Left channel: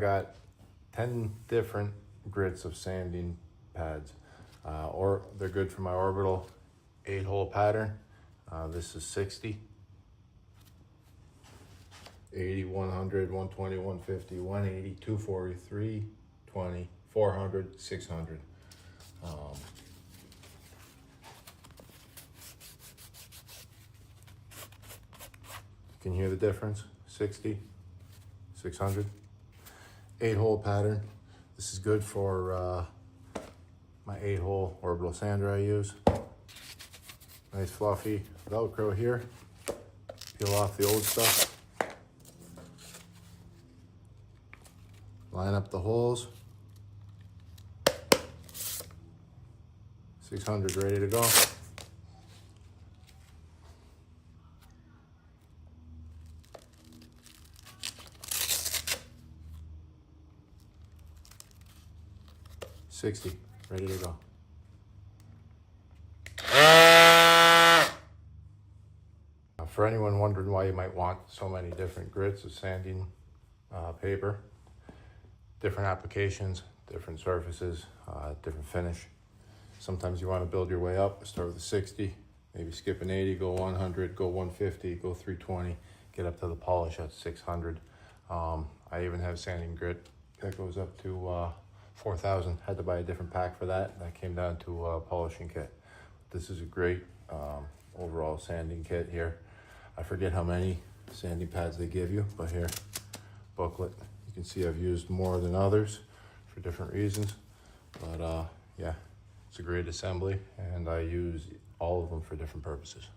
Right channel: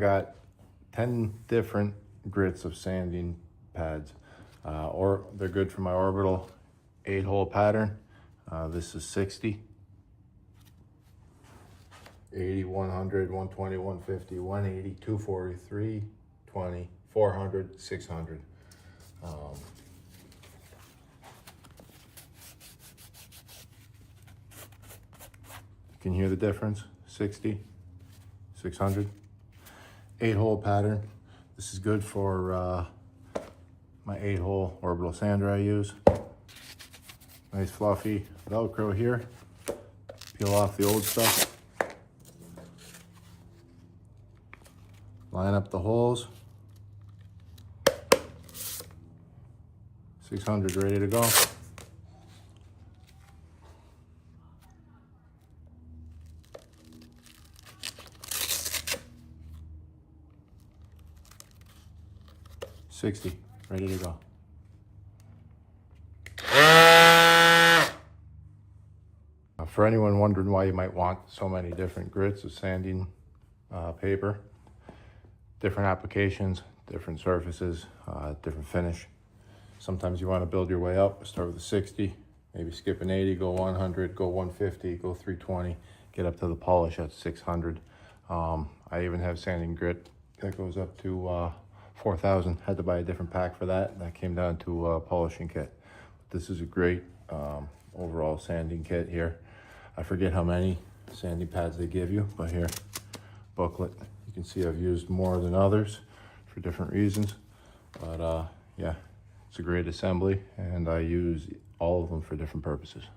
I got 10 different grits of sanding pads, or they're good for my orbital 8-hole pattern. This is 60, 80, 100, 120, 150, 180, 240, 320, 400, 600. You can hear the difference. 60, 600. 8-hole pattern. This is good for my 8-hole orbital sander I use. Nice fluffy Velcro here. Peel off the old stuff. Line up the holes. 600 ready to go. $60 ready to go. For anyone wondering why you might want so many different grits of sanding paper, different applications, different surfaces, different finish. Sometimes you want to build your way up. Start with a 60, maybe skip an 80, go 100, go 150, go 320, get up to the polish at 600. I even have sanding grit that goes up to 4,000. Had to buy a different pack for that, and that came down to a polishing kit. This is a great overall sanding kit here. I forget how many sanding pads they give you, but here, booklet. You can see I've used more than others for different reasons, but yeah, it's a great assembly, and I use all of them for different purposes.